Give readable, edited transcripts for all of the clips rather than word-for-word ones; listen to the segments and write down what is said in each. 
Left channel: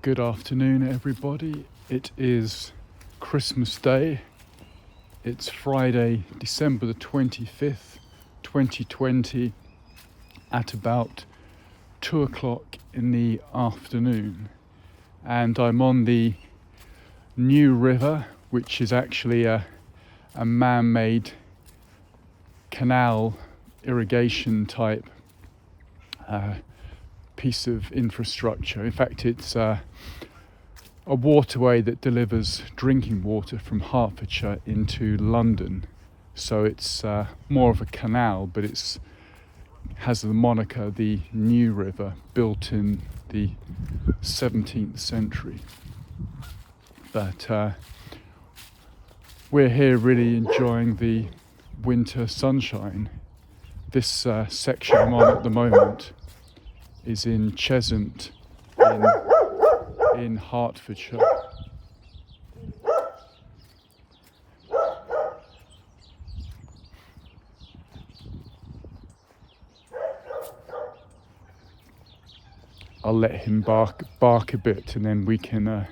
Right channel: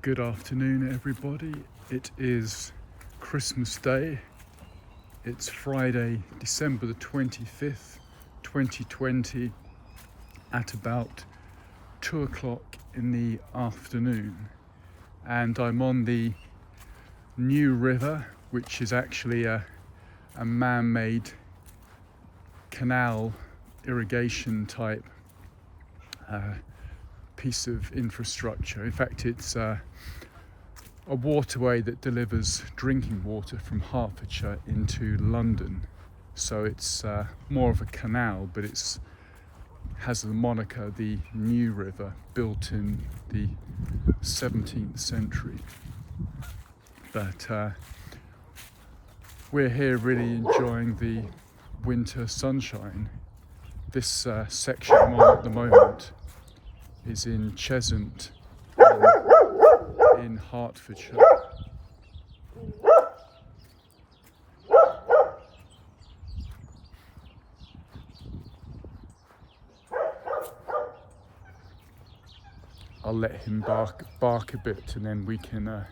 Good afternoon, everybody. It is Christmas Day. It's Friday, December the 25th, 2020, at about 2 o'clock in the afternoon. And I'm on the New River, which is actually a man-made canal irrigation type piece of infrastructure. In fact, it's a waterway that delivers drinking water from Hertfordshire into London. So it's more of a canal, but it's has the moniker the New River, built in the 17th century. But we're here really enjoying the winter sunshine. This section I'm on at the moment is in Cheshunt in Hertfordshire. I'll let him bark a bit and then we can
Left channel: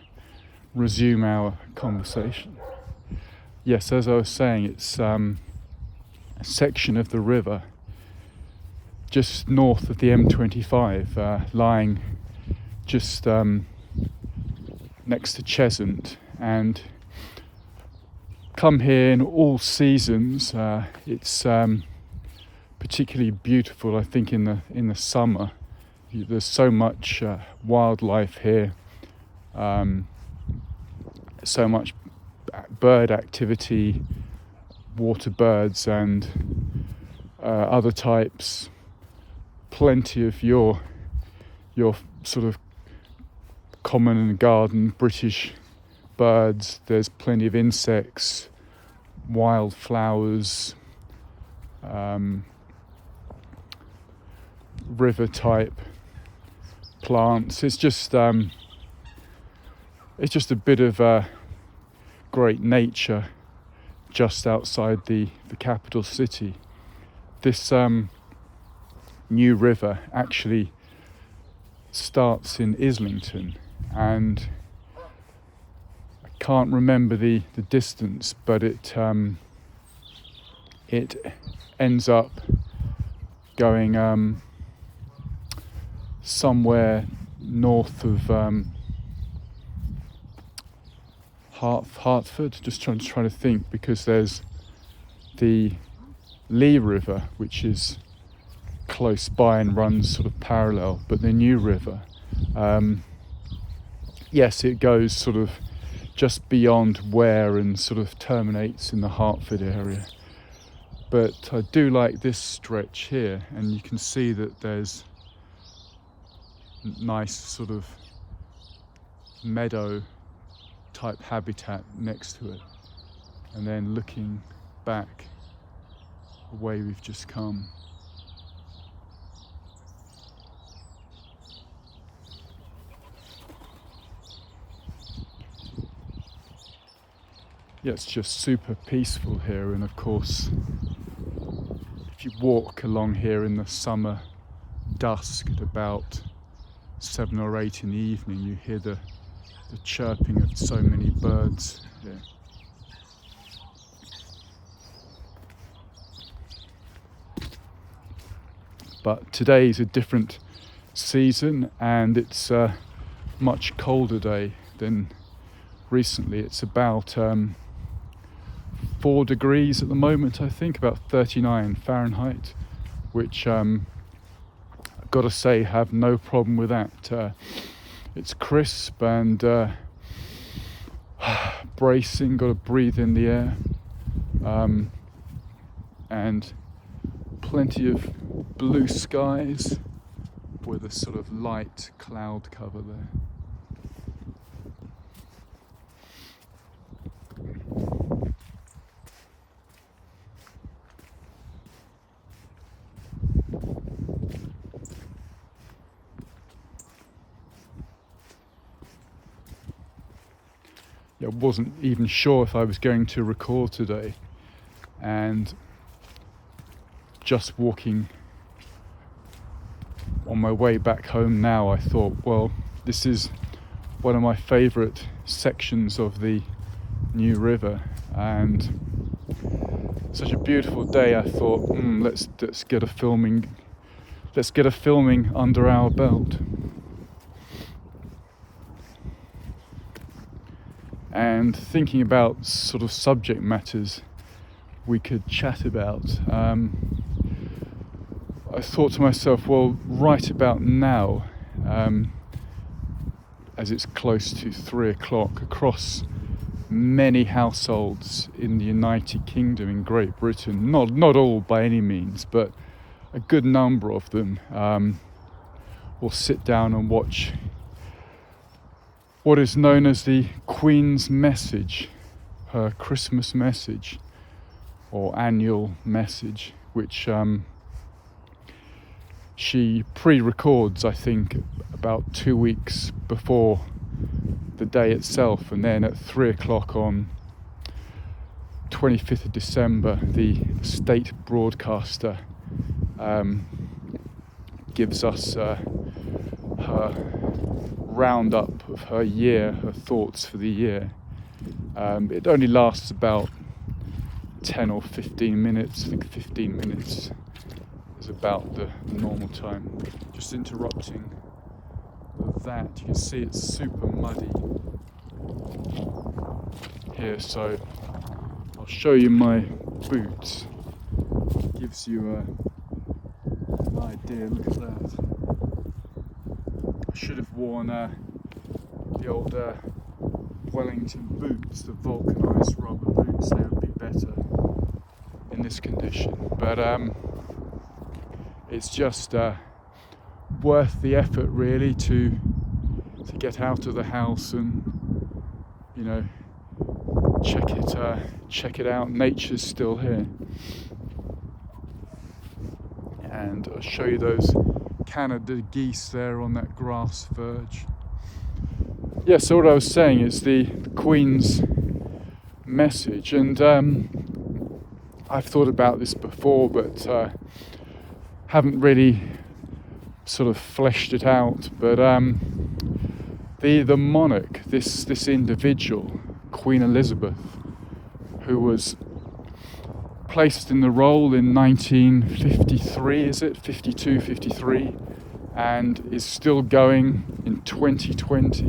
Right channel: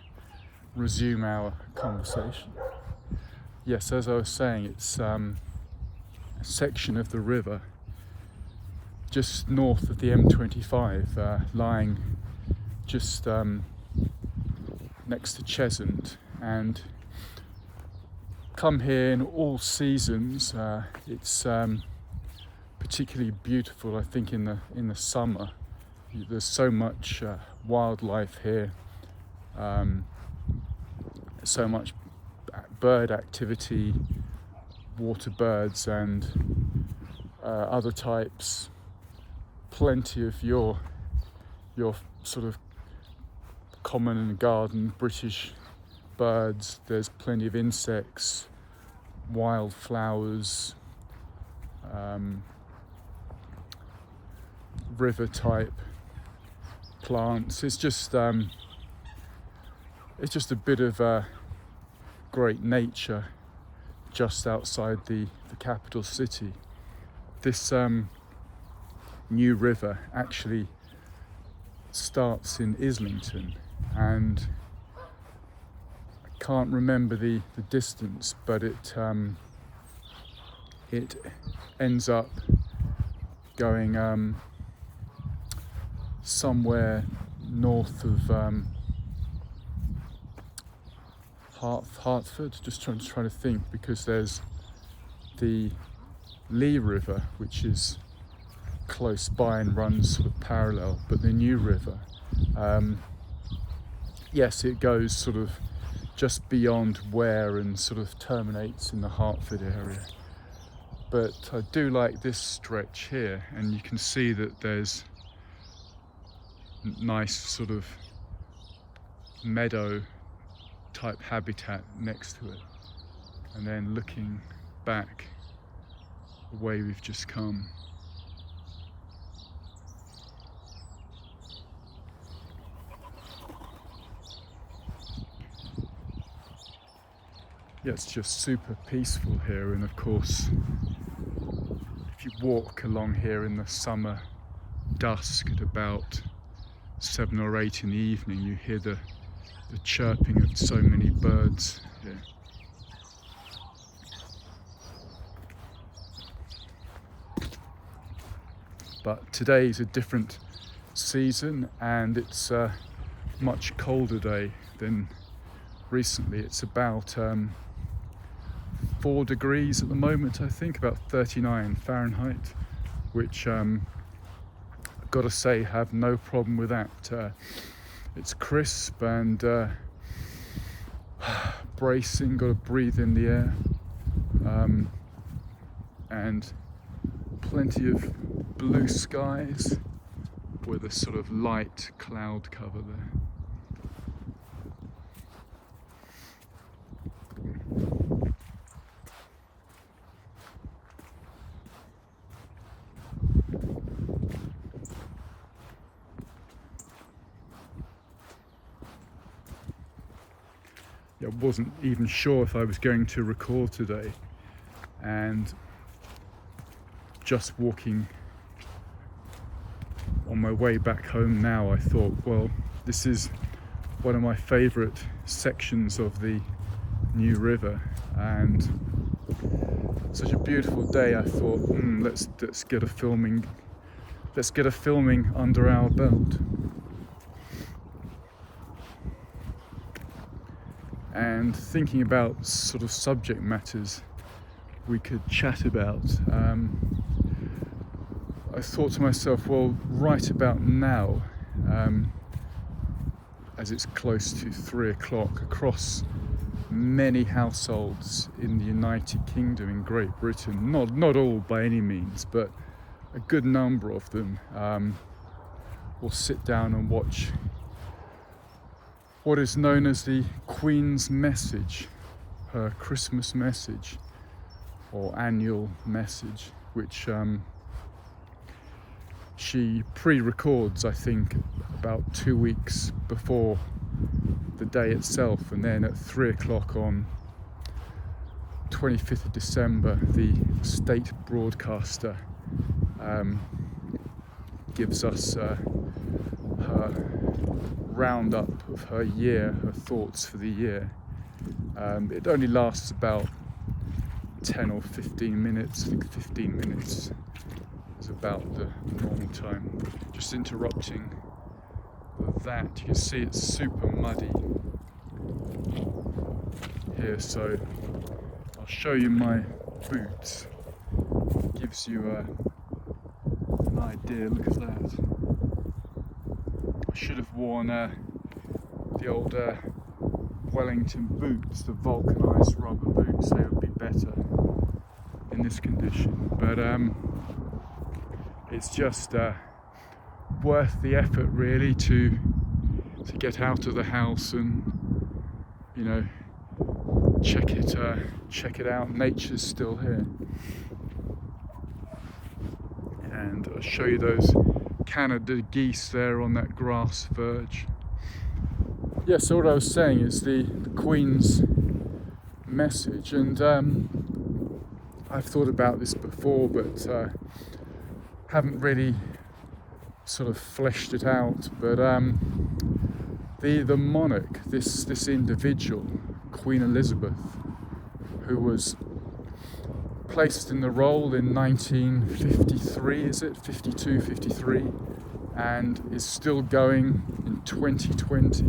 resume our conversation. Yes, as I was saying, it's a section of the river just north of the M25, lying just next to Cheshunt, and come here in all seasons. It's particularly beautiful, I think, in the summer. There's so much wildlife here, so much bird activity, water birds and other types. Plenty of your sort of common and garden British birds. There's plenty of insects, wildflowers, river type plants. It's just a bit of great nature just outside the capital city. This New River actually starts in Islington, and I can't remember the distance, but it ends up going somewhere north of Hertford. Just trying to think, because there's the Lee River, which is close by and runs sort of parallel, but the New River, yes, it goes sort of just beyond Ware and sort of terminates in the Hertford area. But I do like this stretch here, and you can see that there's nice sort of meadow type habitat next to it, and then looking back the way we've just come, yeah, it's just super peaceful here. And of course, if you walk along here in the summer dusk at about 7 or 8 in the evening, you hear the chirping of so many birds here. But today is a different season, and it's a much colder day than recently. It's about 4 degrees at the moment, I think, about 39 Fahrenheit, which I've got to say, have no problem with that. It's crisp and bracing, got to breathe in the air, and plenty of blue skies with a sort of light cloud cover there. I wasn't even sure if I was going to record today, and just walking on my way back home now, I thought, well, this is one of my favourite sections of the New River, and such a beautiful day. I thought, let's get a filming under our belt. And thinking about sort of subject matters we could chat about, I thought to myself, well, right about now, as it's close to 3 o'clock, across many households in the United Kingdom, in Great Britain, not all by any means, but a good number of them will sit down and watch what is known as the Queen's message, her Christmas message or annual message, which she pre-records, I think, about 2 weeks before the day itself, and then at 3 o'clock on 25th of December, the state broadcaster gives us her roundup of her year, her thoughts for the year. It only lasts about 10 or 15 minutes. I think 15 minutes is about the normal time. Just interrupting that, you can see it's super muddy here, so I'll show you my boots. Gives you an idea. Look at that. I should have worn the old Wellington boots, the vulcanized rubber boots. They would be better in this condition, but it's just worth the effort, really, to get out of the house and, you know, check it out. Nature's still here, and I'll show you those Canada geese there on that grass verge. Yeah, so what I was saying is the Queen's message, and I've thought about this before, but haven't really sort of fleshed it out. But the monarch, this individual, Queen Elizabeth, who was placed in the role in 1953, is it 52, 53, and is still going in 2020.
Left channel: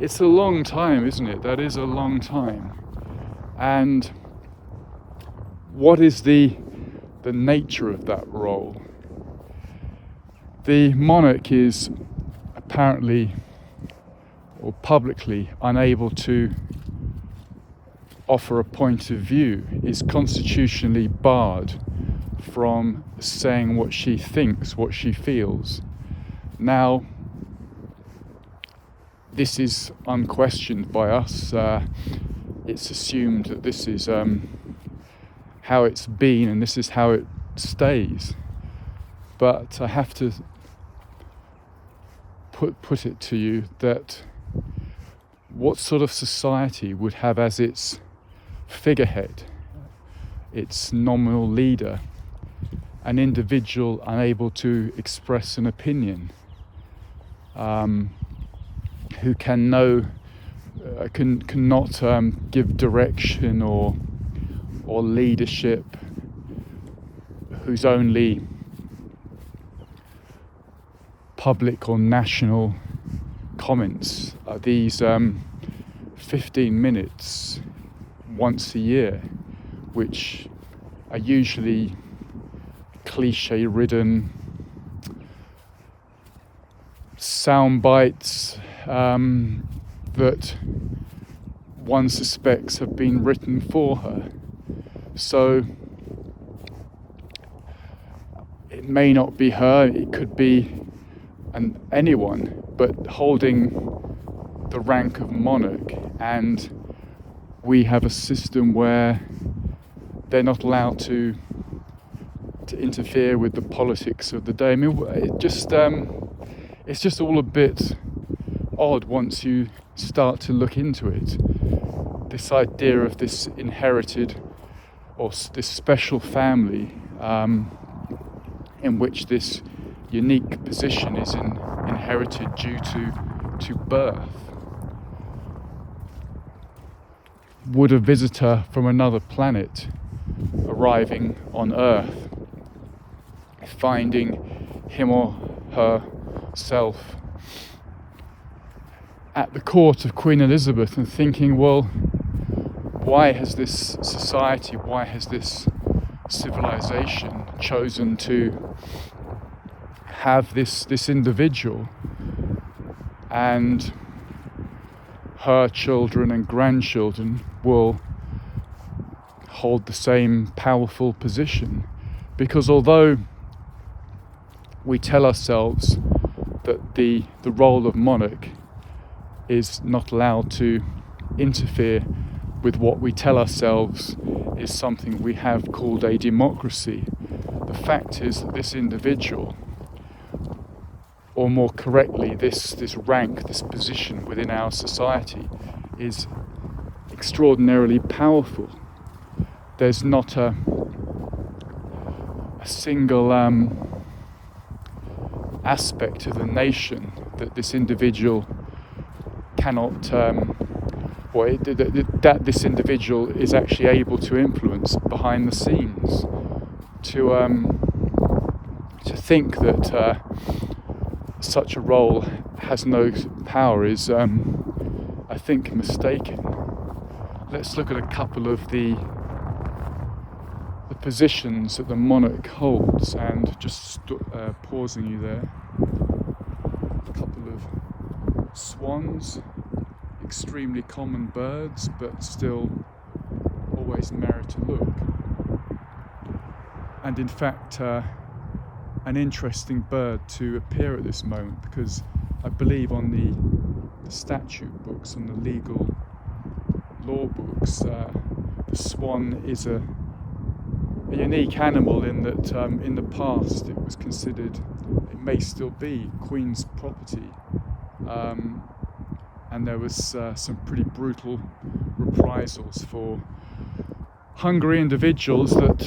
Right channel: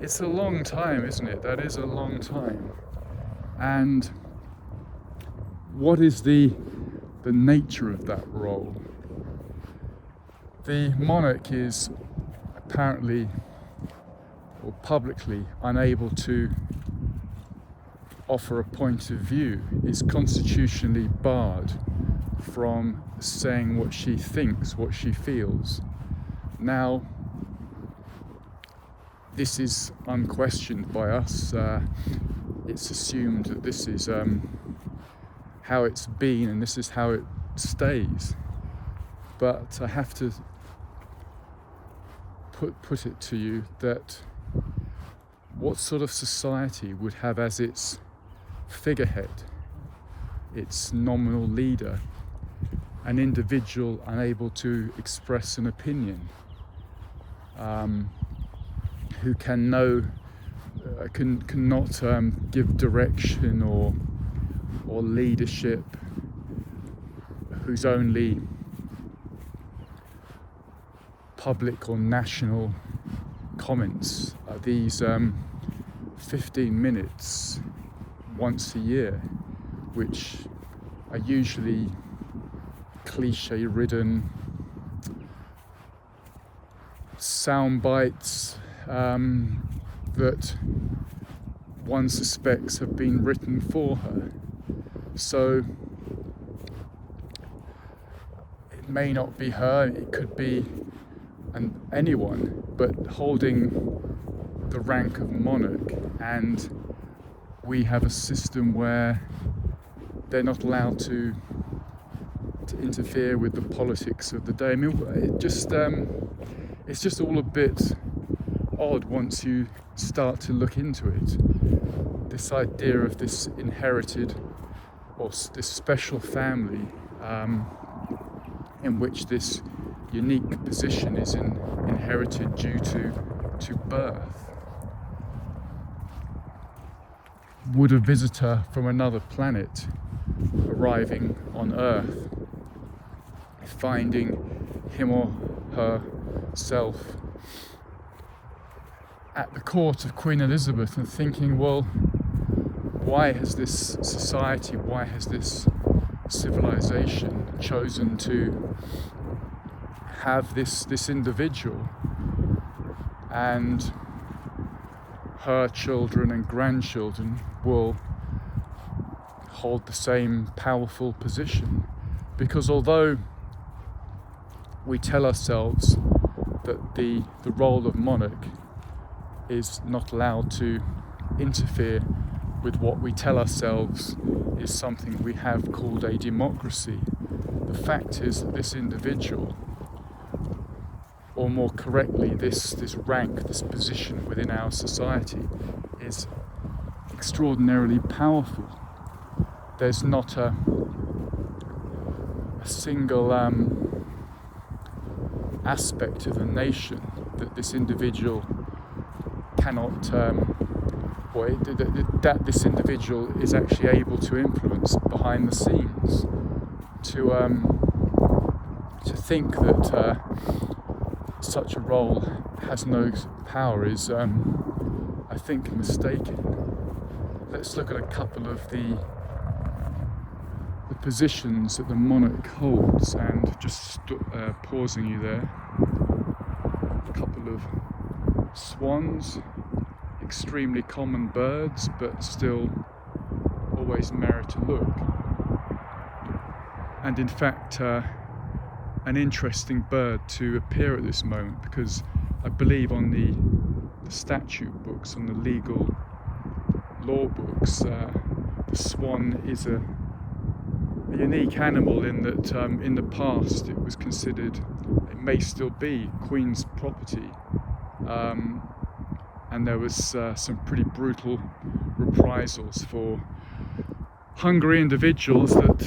It's a long time, isn't it? That is a long time. And what is the nature of that role? The monarch is apparently or publicly unable to offer a point of view, is constitutionally barred from saying what she thinks, what she feels. Now, this is unquestioned by us. It's assumed that this is how it's been and this is how it stays. But I have to put it to you that what sort of society would have as its figurehead, its nominal leader, an individual unable to express an opinion, who cannot give direction or leadership, whose only public or national comments are these 15 minutes once a year, which are usually cliche-ridden sound bites that one suspects have been written for her. So it may not be her, it could be anyone, but holding the rank of monarch, and we have a system where they're not allowed to interfere with the politics of the day. I mean, it's just all a bit odd once you start to look into it. This idea of this inherited or this special family in which this unique position is inherited due to birth. Would a visitor from another planet arriving on Earth, finding him or herself at the court of Queen Elizabeth and thinking, well, why has this society, why has this civilization chosen to have this individual, and her children and grandchildren will hold the same powerful position? Because although we tell ourselves that the role of monarch is not allowed to interfere with what we tell ourselves is something we have called a democracy, the fact is that this individual, or more correctly, this rank, this position within our society, is extraordinarily powerful. There's not a single aspect of the nation that this individual cannot, that this individual is actually able to influence behind the scenes. To think that such a role has no power is, I think, mistaken. Let's look at a couple of the positions that the monarch holds, and just pausing you there. A couple of swans, extremely common birds, but still always merit a look. And in fact, an interesting bird to appear at this moment, because I believe on the statute books, on the legal law books, the swan is a unique animal in that in the past it was considered, it may still be, Queen's property, and there was some pretty brutal reprisals for hungry individuals that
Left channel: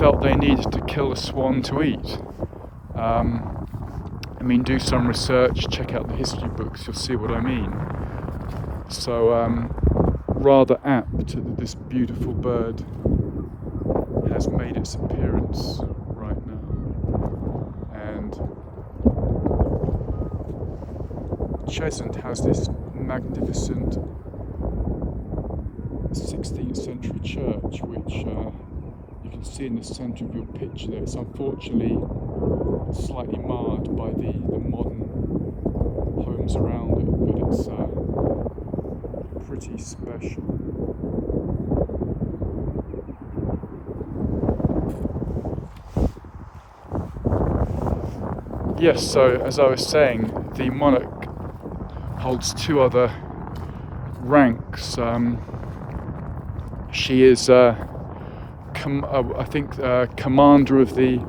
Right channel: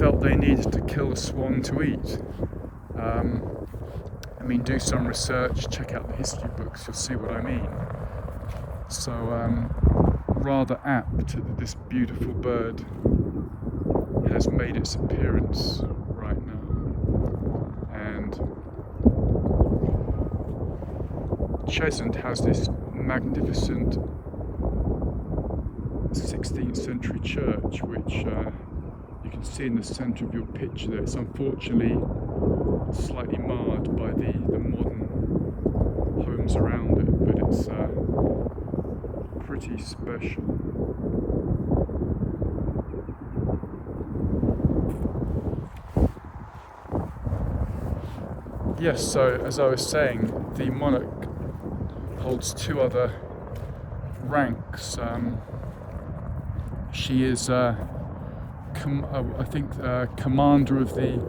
felt they needed to kill a swan to eat. I mean, do some research, check out the history books, you'll see what I mean. So rather apt that this beautiful bird has made its appearance right now. And Cheshunt has this magnificent 16th century church, which you can see in the centre of your picture there. It's unfortunately slightly marred by the modern homes around it, but it's pretty special. Yes, so as I was saying, the monarch holds two other ranks. She is, I think, commander of the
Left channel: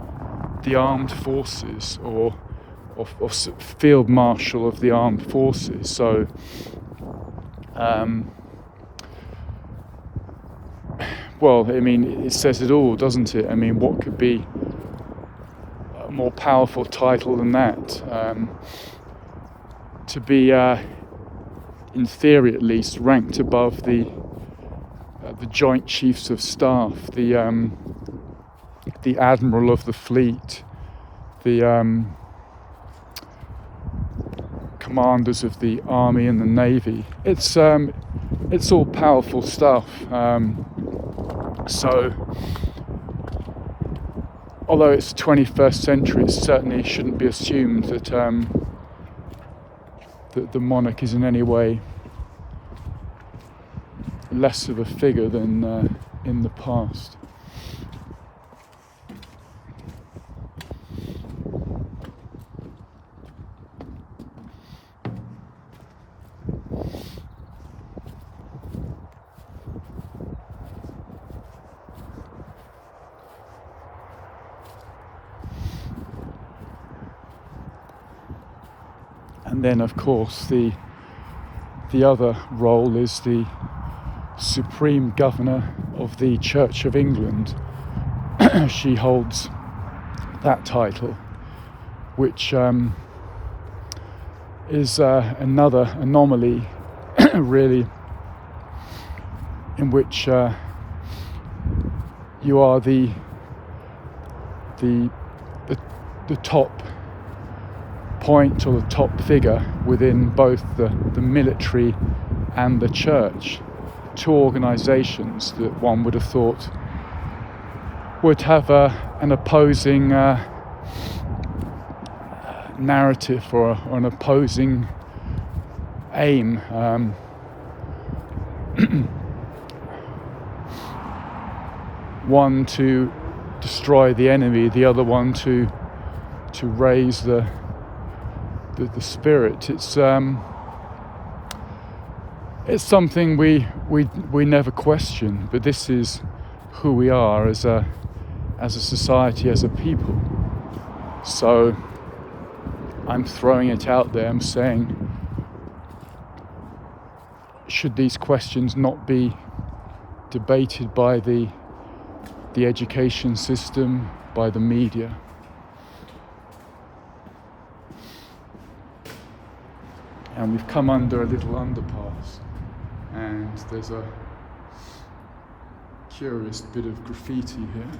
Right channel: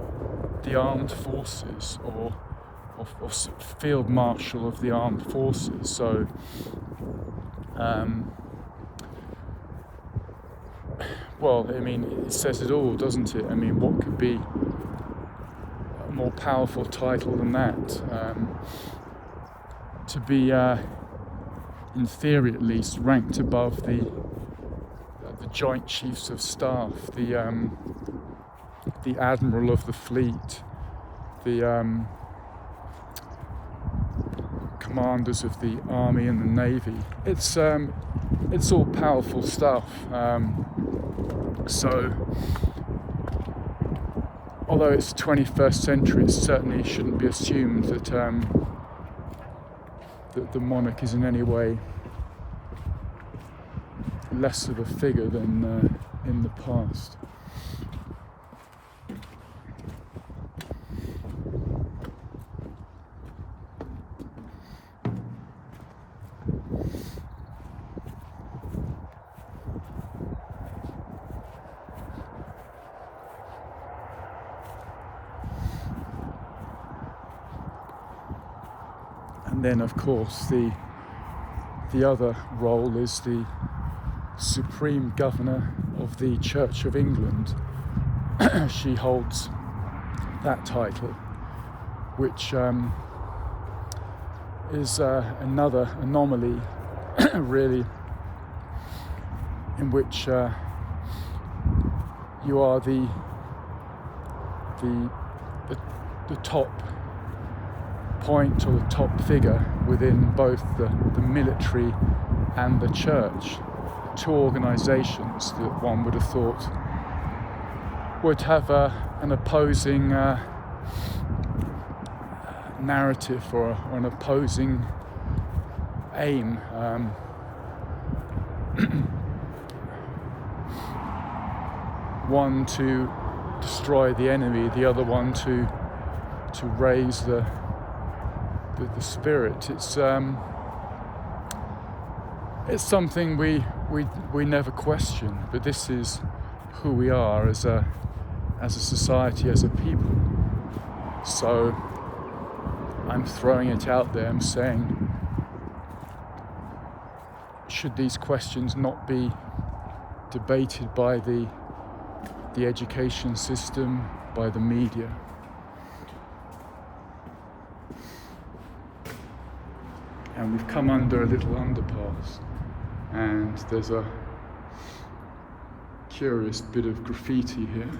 armed forces, or field marshal of the armed forces. So, well, I mean, it says it all, doesn't it? I mean, what could be a more powerful title than that? To be, in theory at least, ranked above the Joint Chiefs of Staff, the Admiral of the Fleet, the commanders of the Army and the Navy. It's all powerful stuff. So, although it's the 21st century, it certainly shouldn't be assumed that that the monarch is in any way less of a figure than in the past. And then, of course, the other role is the Supreme Governor of the Church of England. She holds that title, which is another anomaly, really, in which you are the top point or the top figure within both the military and the church, two organisations that one would have thought would have an opposing narrative or an opposing aim. One to destroy the enemy, the other one to raise the spirit. It's something we never question, but this is who we are as a society, as a people. So I'm throwing it out there. I'm saying, should these questions not be debated by the education system, by the media? And we've come under a little underpass, and there's a curious bit of graffiti here.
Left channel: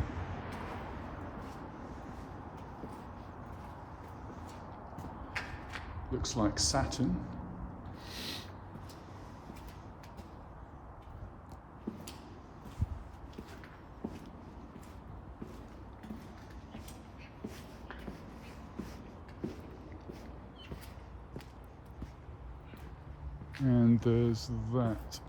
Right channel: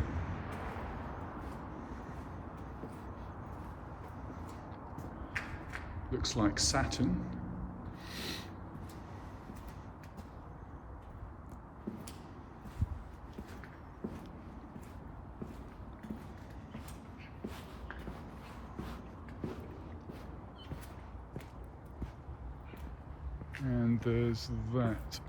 Looks like Saturn. And there's that.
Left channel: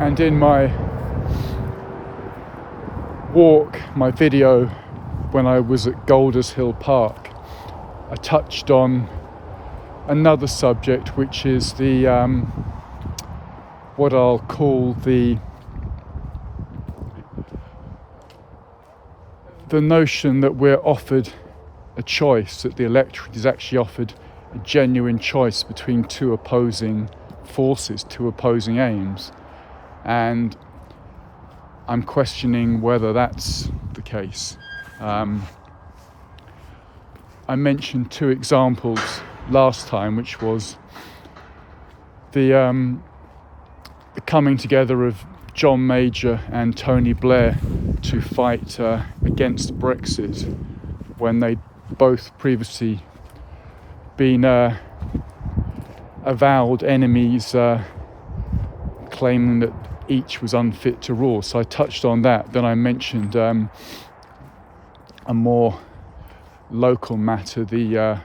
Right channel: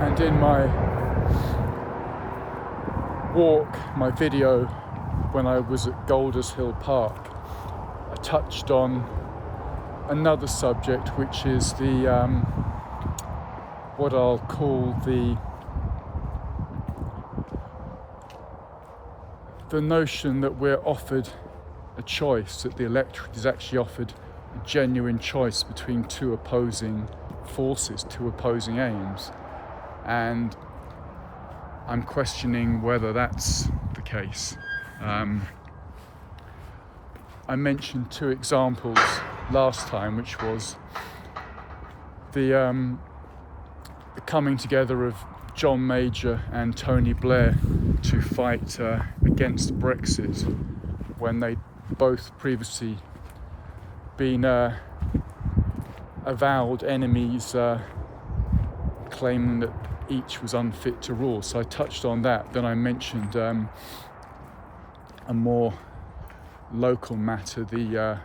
And in my walk, my video, when I was at Golders Hill Park, I touched on another subject, which is the what I'll call the notion that we're offered a choice, that the electorate is actually offered a genuine choice between two opposing forces, two opposing aims. And I'm questioning whether that's the case. I mentioned two examples last time, which was the coming together of John Major and Tony Blair to fight against Brexit, when they'd both previously been avowed enemies, claiming that each was unfit to rule. So I touched on that. Then I mentioned a more local matter, the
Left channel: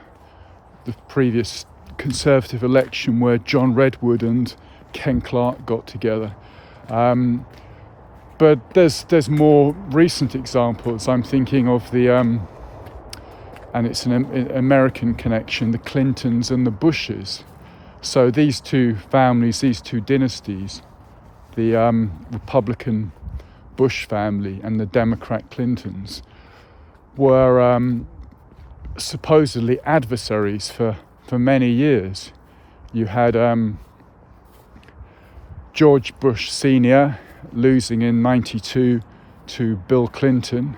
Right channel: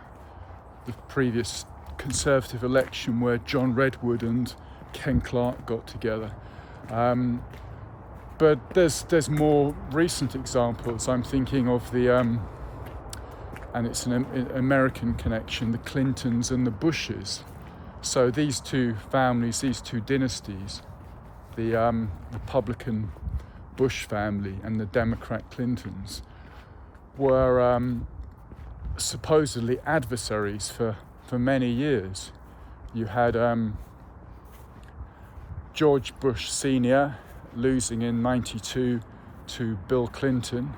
previous Conservative election where John Redwood and Ken Clarke got together. But there's more recent examples. I'm thinking of the and it's an American connection, the Clintons and the Bushes. So these two families, these two dynasties, the Republican Bush family and the Democrat Clintons, were supposedly adversaries for many years. You had George Bush Sr. losing in '92 to Bill Clinton,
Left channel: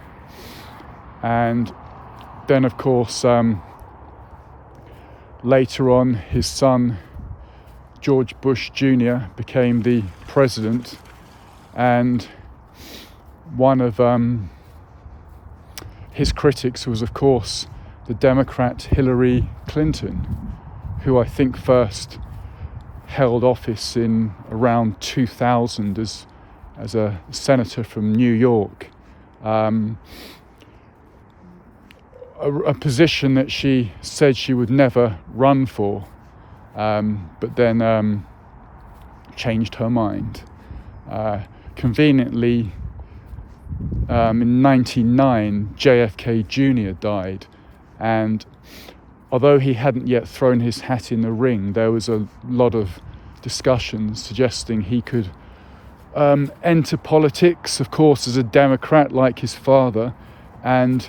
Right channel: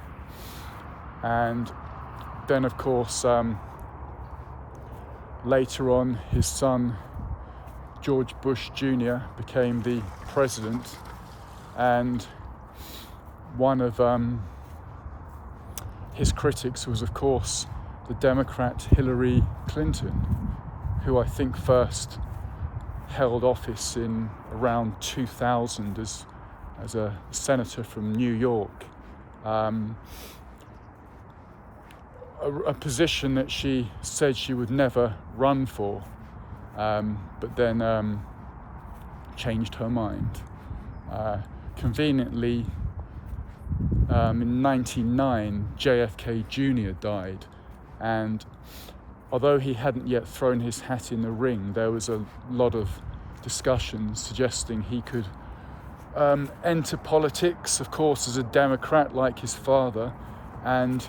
and then of course later on his son George Bush Jr. became the president, and one of his critics was of course the Democrat Hillary Clinton, who I think first held office in around 2000 as a senator from New York, a position that she said she would never run for, but then changed her mind. Conveniently, in '99, JFK Jr. died, and although he hadn't yet thrown his hat in the ring, there was a lot of discussions suggesting he could enter politics, of course, as a Democrat like his father, and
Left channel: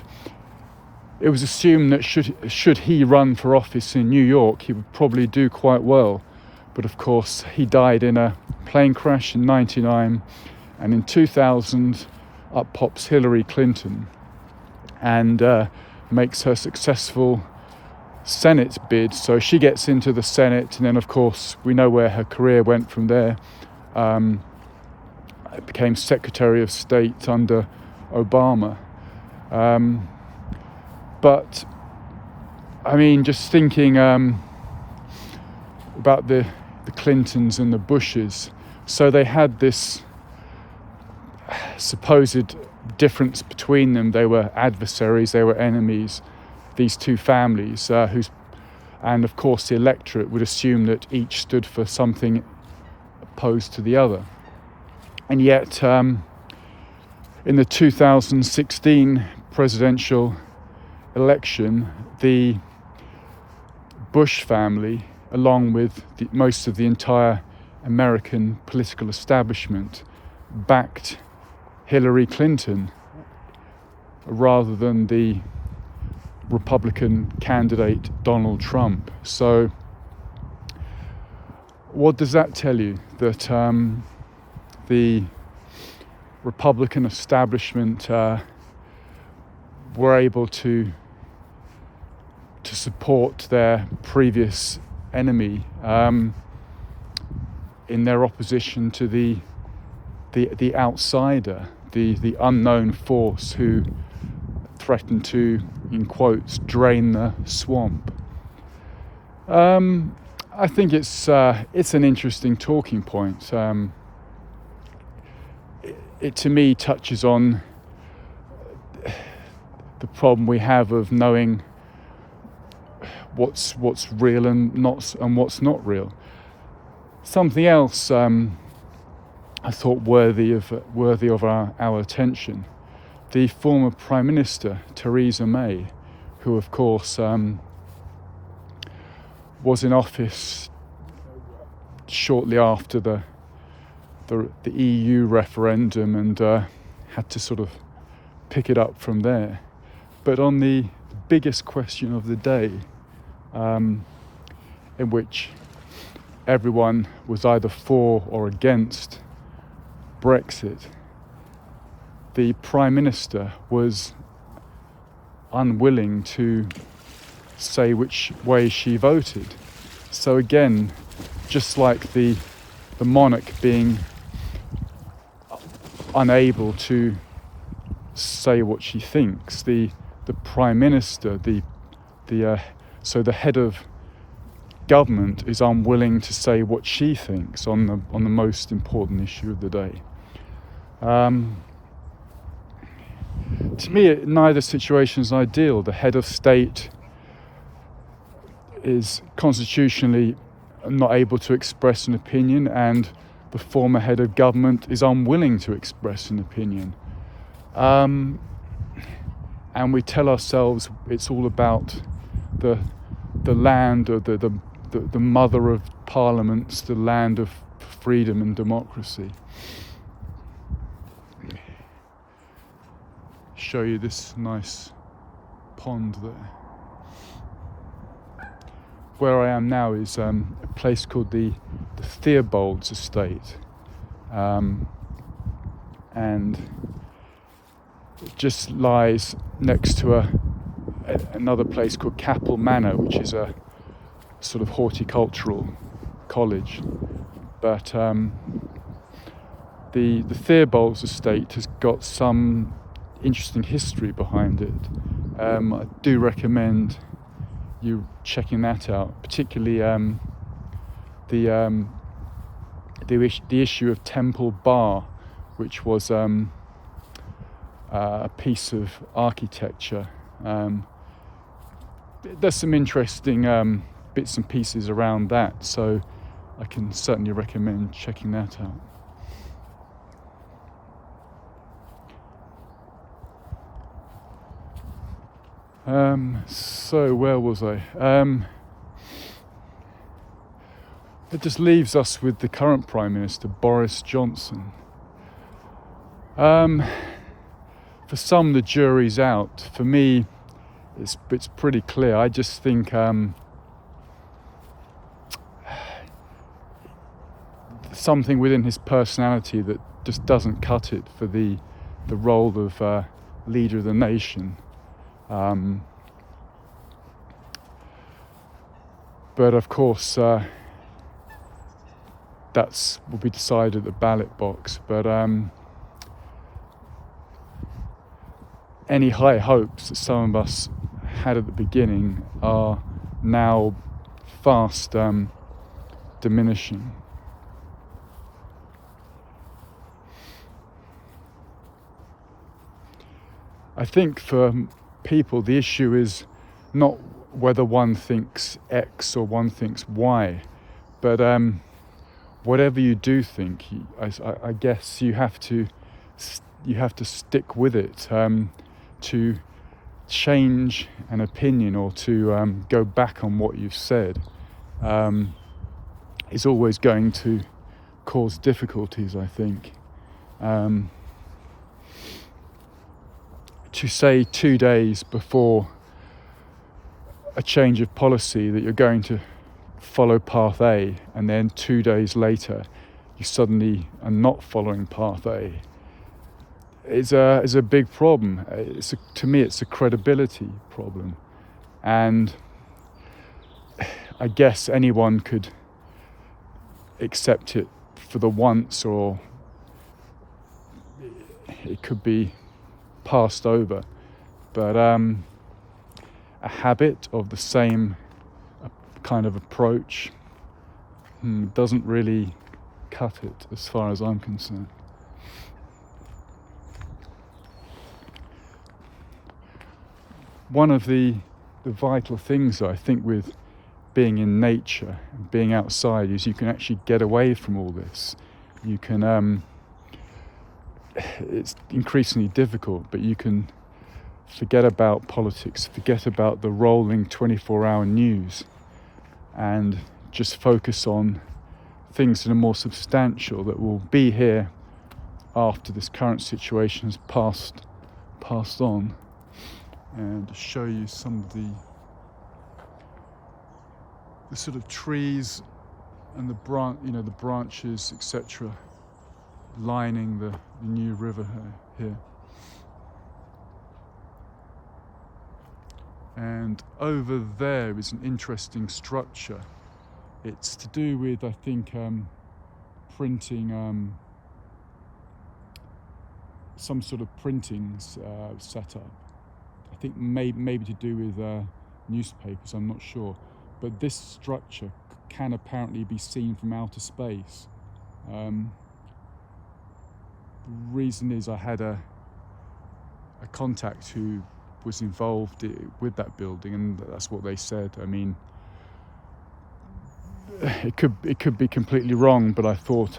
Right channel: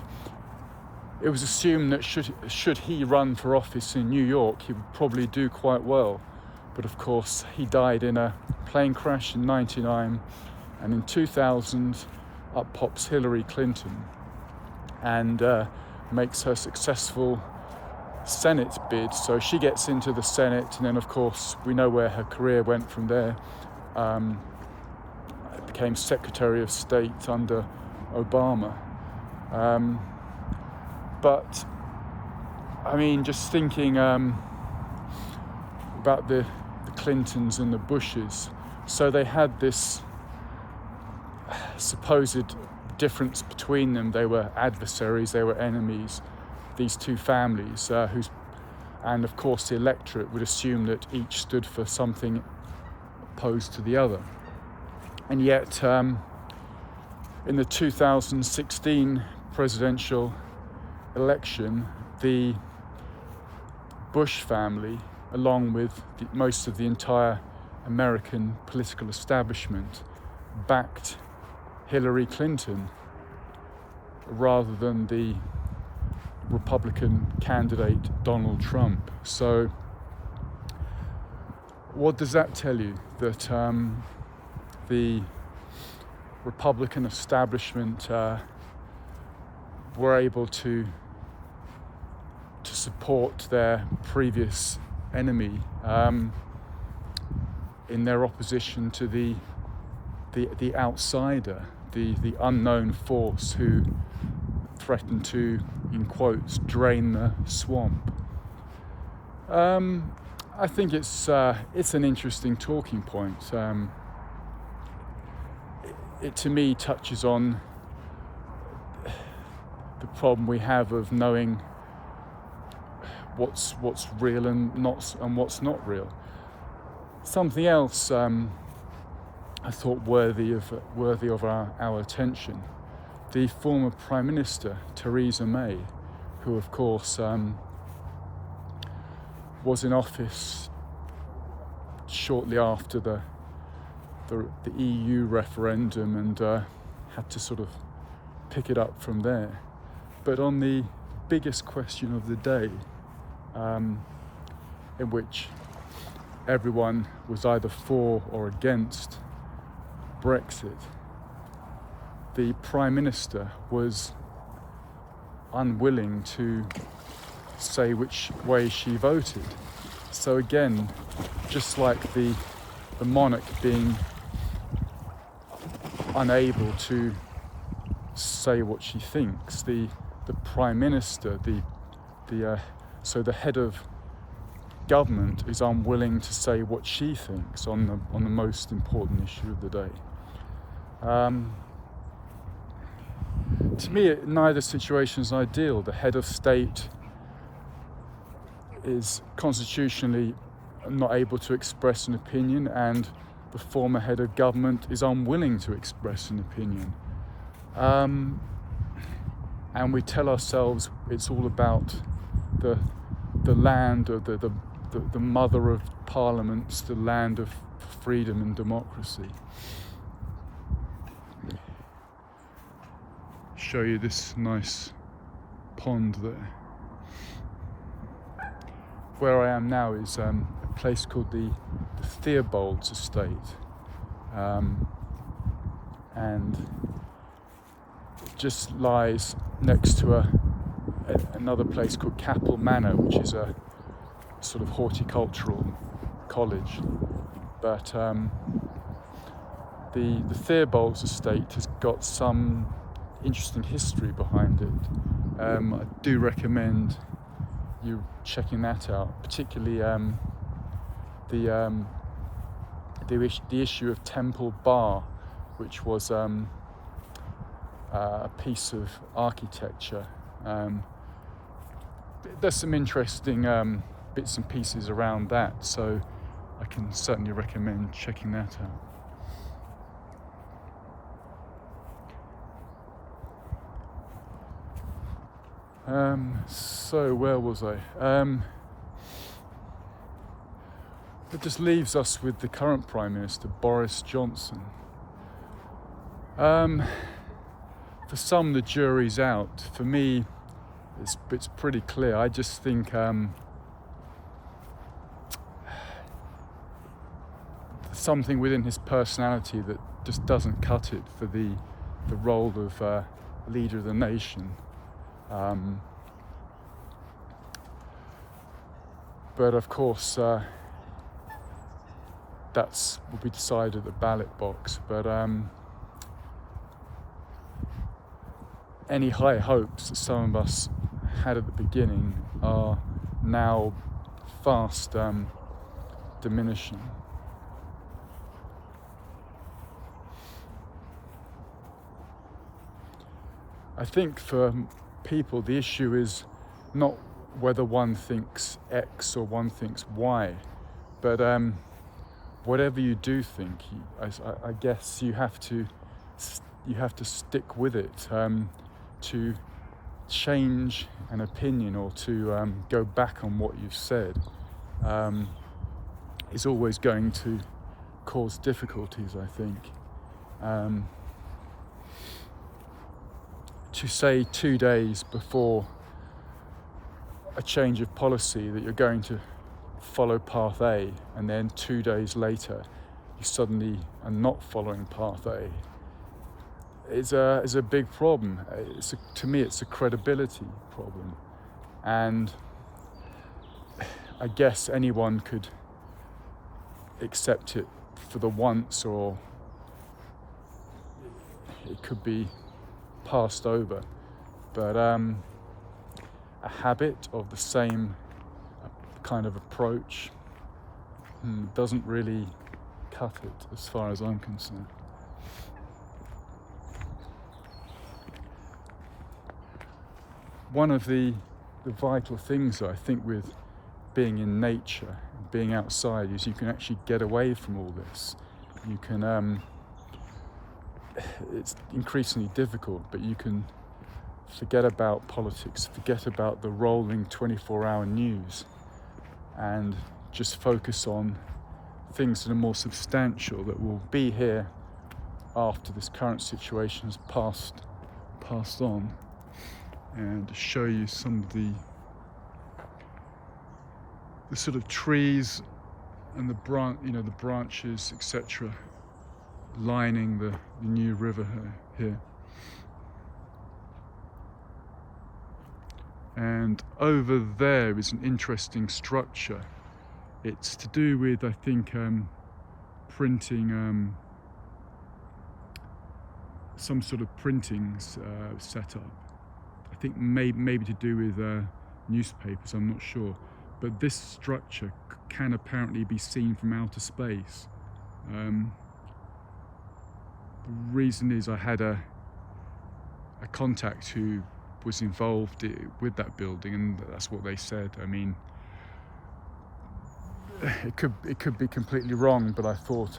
it was assumed that should he run for office in New York, he would probably do quite well. But of course, he died in a plane crash in '99, and in 2000, up pops Hillary Clinton and makes her successful Senate bid. So she gets into the Senate, and then of course we know where her career went from there. Became Secretary of State under Obama. But I mean, just thinking about the Clintons and the Bushes, so they had this supposed difference between them. They were adversaries, they were enemies, these two families, and of course the electorate would assume that each stood for something opposed to the other. And yet in the 2016 presidential election, the Bush family, along with most of the entire American political establishment, backed Hillary Clinton rather than the Republican candidate Donald Trump. So what does that tell you? That the Republican establishment were able to support their previous enemy in their opposition to the outsider, the unknown force who threatened to, in quotes, drain the swamp. I think it's an interesting talking point. It to me touches on the problem we have of knowing what's real and what's not real. Something else I thought worthy of our attention: the former Prime Minister Theresa May, who of course was in office shortly after the EU referendum and had to sort of pick it up from there. But on the biggest question of the day, in which everyone was either for or against Brexit, the Prime Minister was unwilling to say which way she voted. So again, just like the monarch being unable to say what she thinks, the Prime Minister, so the head of government, is unwilling to say what she thinks on the most important issue of the day. To me, neither situation is ideal. The head of state is constitutionally not able to express an opinion, and the former head of government is unwilling to express an opinion. And we tell ourselves it's all about the land, or the mother of parliaments, the land of freedom and democracy. Show you this nice pond there. Where I am now is a place called the Theobald's Estate, and it just lies next to another place called Capel Manor, which is a sort of horticultural college. But the Theobald's Estate has got some interesting history behind it. I do recommend you checking that out, particularly the issue of Temple Bar, which was a piece of architecture. There's some interesting bits and pieces around that, so I can certainly recommend checking that out. So where was I? It just leaves us with the current Prime Minister, Boris Johnson. For some, the jury's out. For me, it's pretty clear. I just think something within his personality that just doesn't cut it for the role of leader of the nation. But of course, that's will be decided at the ballot box. But any high hopes that some of us had at the beginning are now fast diminishing. I think for people the issue is not whether one thinks X or one thinks Y, but whatever you do think, I guess you have to stick with it. To change an opinion or to go back on what you've said is always going to cause difficulties, I think. To say 2 days before a change of policy that you're going to follow path A, and then 2 days later you suddenly are not following path A, is a big problem. To me it's a credibility problem, and I guess anyone could accept it for the once, or it could be passed over, but a habit of the same kind of approach doesn't really cut it as far as I'm concerned. One of the vital things I think with being in nature, being outside, is you can actually get away from all this. You can it's increasingly difficult, but you can forget about politics, forget about the rolling 24-hour news, and just focus on things that are more substantial, that will be here after this current situation has passed on. And to show you some of the sort of trees and the branches, etc., lining the new river here. And over there is an interesting structure. It's to do with, I think, printing, some sort of printing setup. I think maybe to do with newspapers, I'm not sure. But this structure can apparently be seen from outer space. The reason is I had a contact who was involved with that building, and that's what they said. I mean, it could be completely wrong, but I thought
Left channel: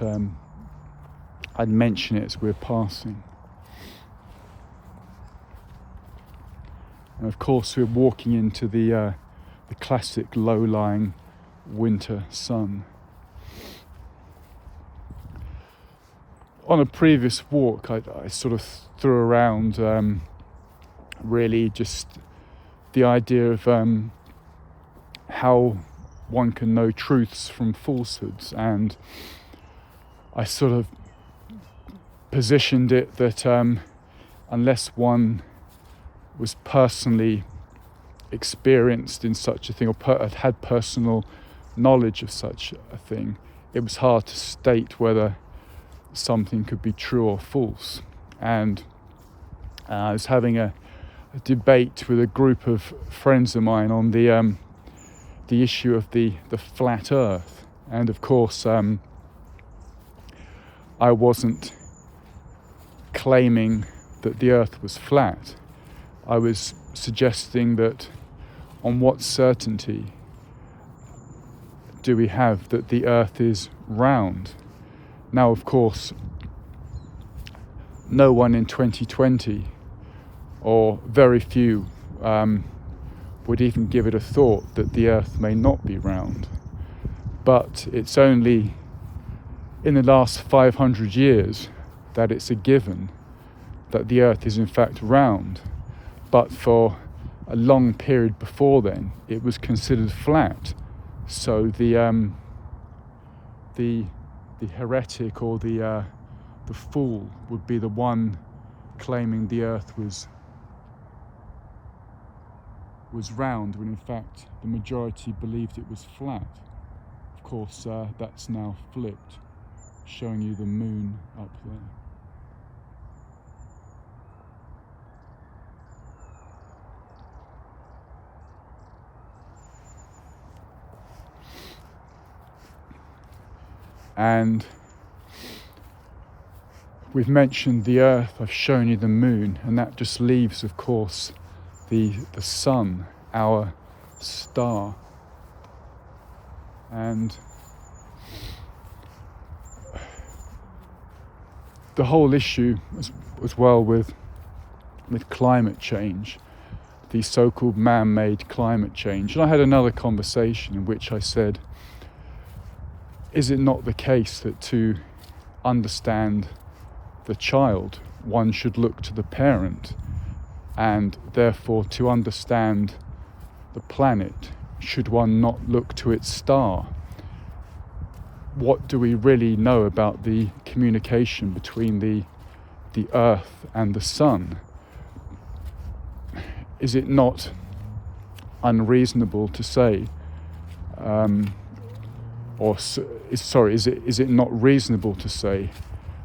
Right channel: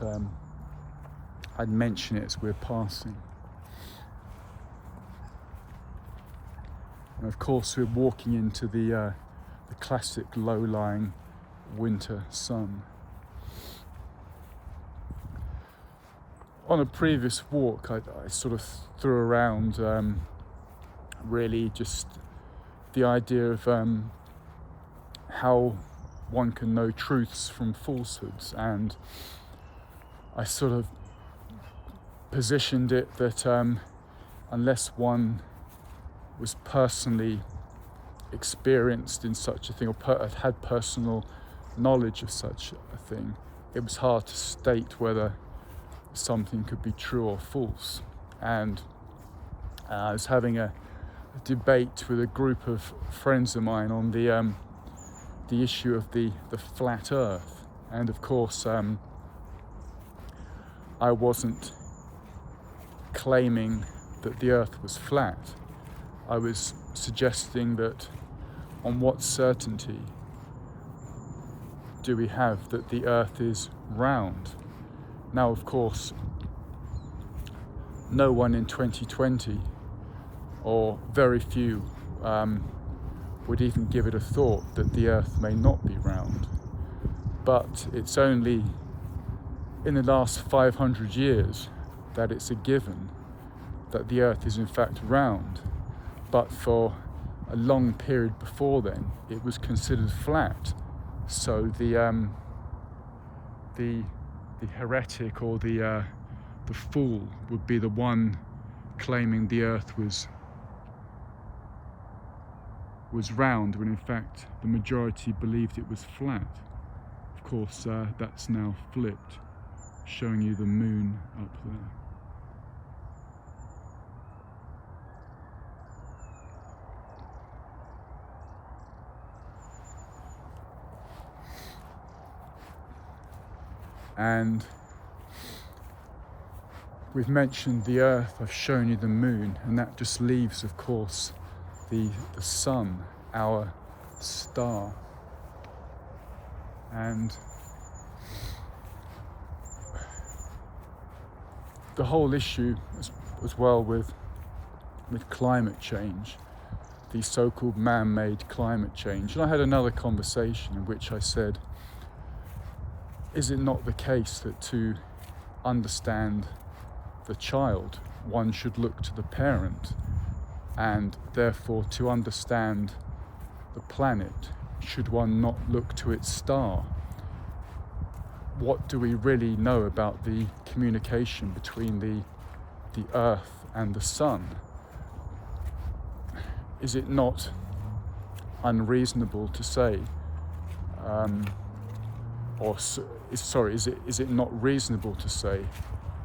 I'd mention it as we're passing. And of course, we're walking into the classic low-lying winter sun. On a previous walk, I sort of threw around really just the idea of how one can know truths from falsehoods, and I sort of positioned it that unless one was personally experienced in such a thing, or had personal knowledge of such a thing, it was hard to state whether something could be true or false. And I was having a debate with a group of friends of mine on the issue of the flat earth, and of course I wasn't claiming that the earth was flat. I was suggesting that on what certainty do we have that the earth is round? Now, of course, no one in 2020, or very few, would even give it a thought that the earth may not be round. But it's only in the last 500 years that it's a given that the earth is in fact round. But for a long period before then, it was considered flat. So the heretic or the fool would be the one claiming the earth was round, when in fact the majority believed it was flat. Of course, that's now flipped, showing you the moon up there. And we've mentioned the earth, I've shown you the moon, and that just leaves, of course, the sun, our star. And the whole issue as well with climate change, the so-called man-made climate change. And I had another conversation in which I said, is it not the case that to understand the child, one should look to the parent, and therefore to understand the planet, should one not look to its star? What do we really know about the communication between the earth and the sun? Is it not unreasonable to say, is it not reasonable to say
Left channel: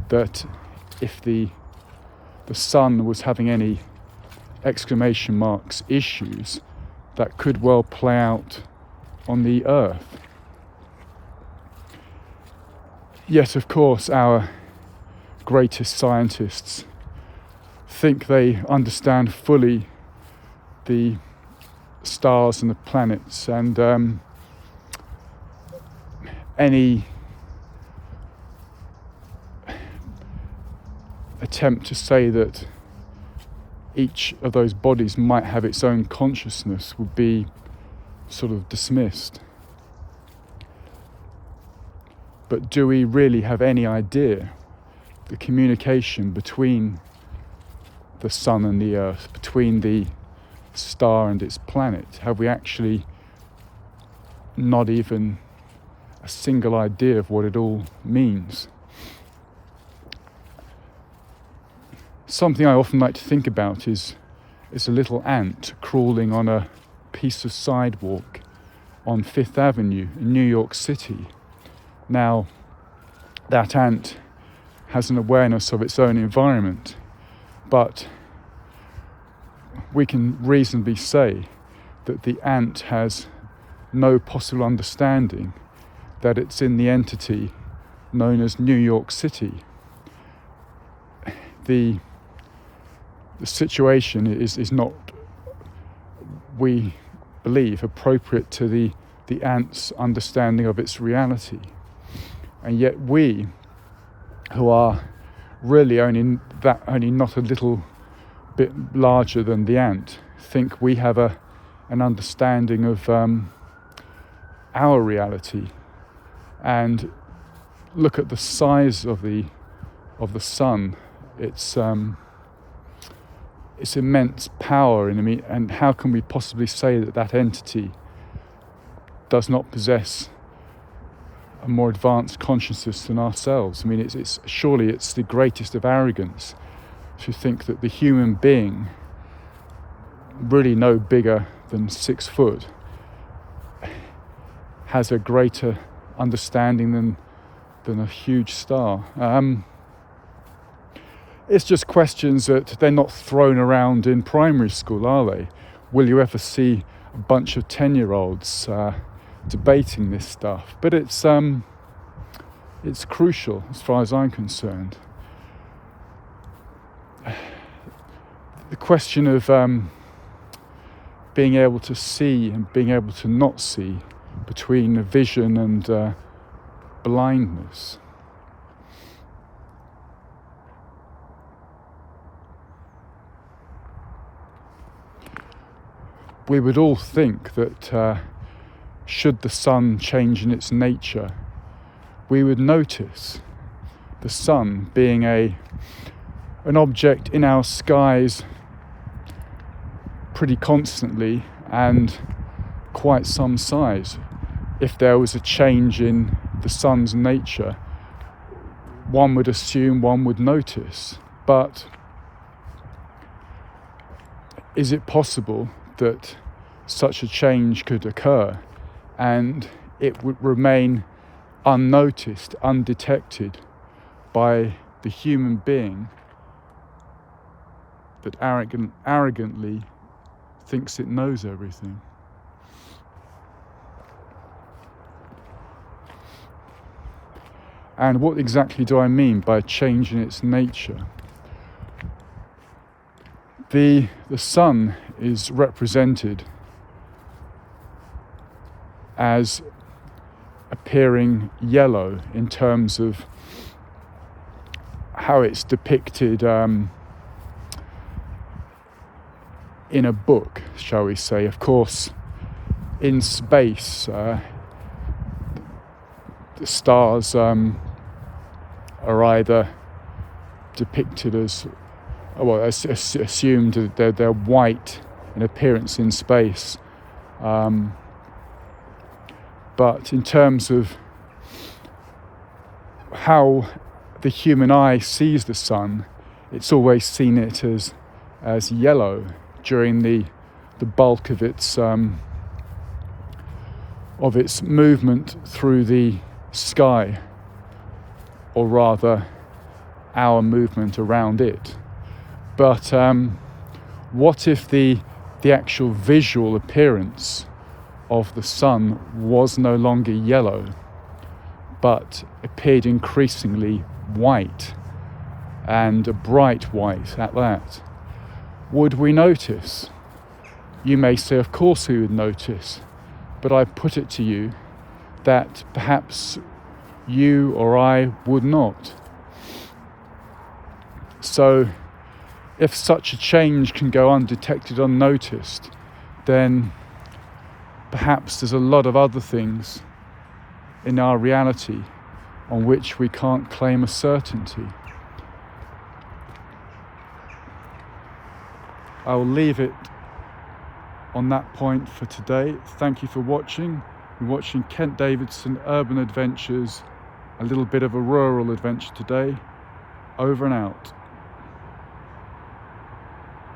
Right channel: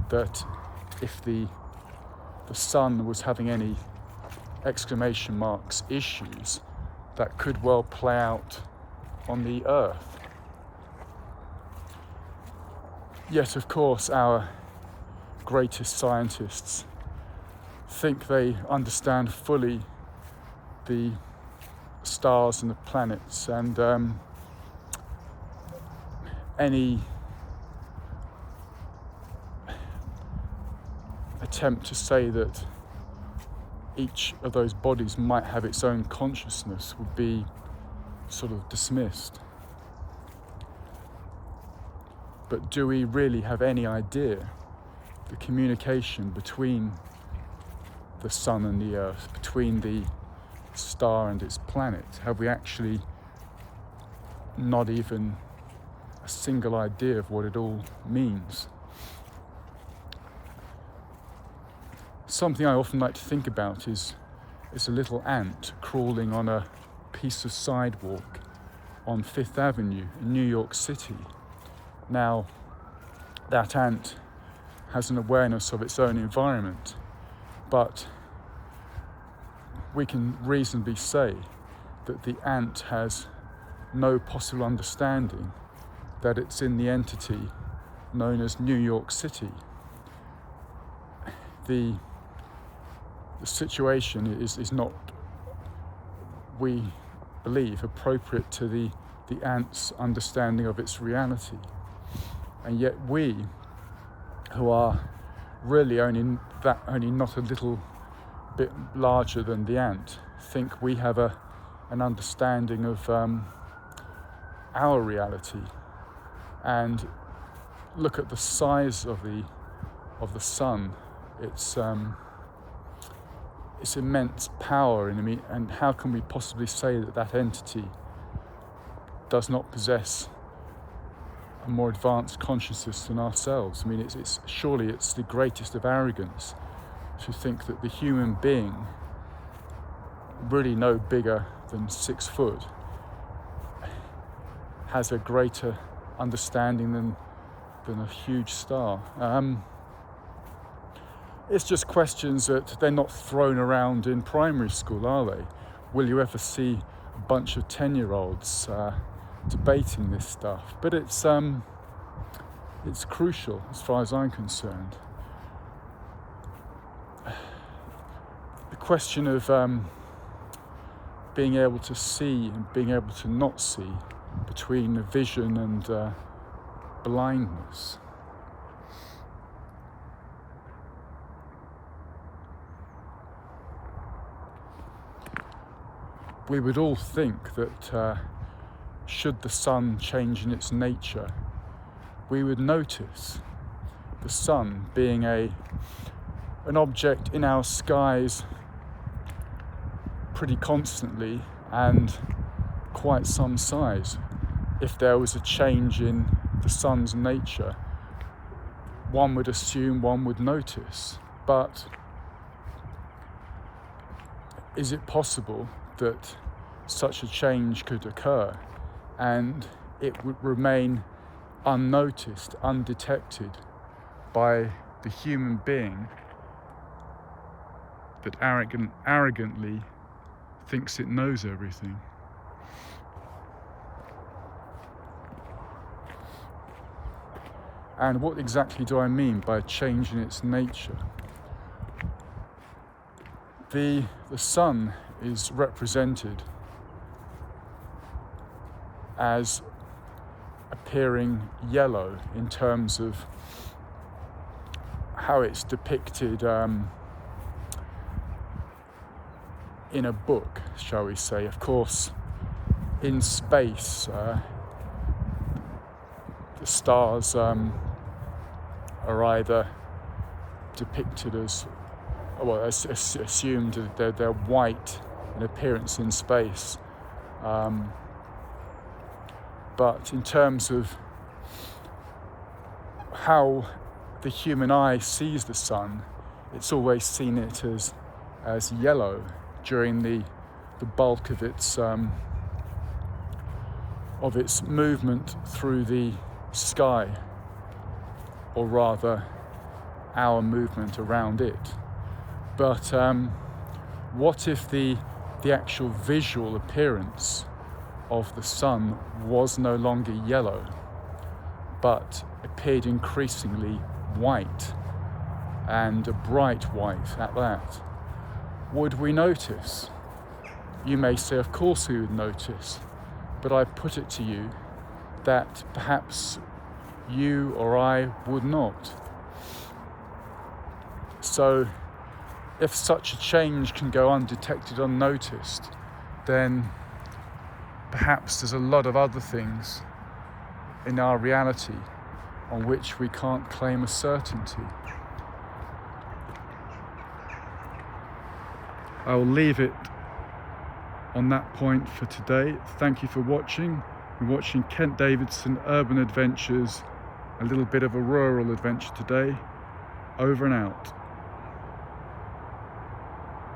that if the sun was having any exclamation marks issues, that could well play out on the earth? Yet, of course, our greatest scientists think they understand fully the stars and the planets, and any attempt to say that each of those bodies might have its own consciousness would be sort of dismissed. But do we really have any idea the communication between the sun and the earth, between the star and its planet? Have we actually not even a single idea of what it all means? Something I often like to think about is a little ant crawling on a piece of sidewalk on Fifth Avenue in New York City. Now, that ant has an awareness of its own environment, but we can reasonably say that the ant has no possible understanding that it's in the entity known as New York City. The situation is not, we believe, appropriate to the ant's understanding of its reality. And yet we, who are really only not a little bit larger than the ant, think we have an understanding of our reality. And look at the size of the sun. It's immense power, and how can we possibly say that entity does not possess a more advanced consciousness than ourselves? I mean, it's surely it's the greatest of arrogance to think that the human being, really no bigger than 6 foot, has a greater understanding than a huge star. It's just questions that they're not thrown around in primary school, are they? Will you ever see a bunch of 10-year-olds debating this stuff? But it's crucial as far as I'm concerned. The question of being able to see and being able to not see, between vision and blindness. We would all think that should the sun change in its nature, we would notice the sun being an object in our skies pretty constantly and quite some size. If there was a change in the sun's nature, one would assume one would notice. But is it possible that such a change could occur and it would remain unnoticed, undetected by the human being that arrogantly thinks it knows everything? And what exactly do I mean by a change in its nature? The sun is represented as appearing yellow in terms of how it's depicted in a book, shall we say. Of course, in space, the stars are either depicted as, well, assumed that they're white in appearance in space. But in terms of how the human eye sees the sun, it's always seen it as yellow during the bulk of its movement through the sky, or rather our movement around it. But what if the actual visual appearance of the sun was no longer yellow, but appeared increasingly white, and a bright white at that? Would we notice? You may say, of course we would notice, but I put it to you that perhaps you or I would not. So if such a change can go undetected, unnoticed, then perhaps there's a lot of other things in our reality on which we can't claim a certainty. I will leave it on that point for today. Thank you for watching. You're watching Kent Davidson Urban Adventures, a little bit of a rural adventure today. Over and out.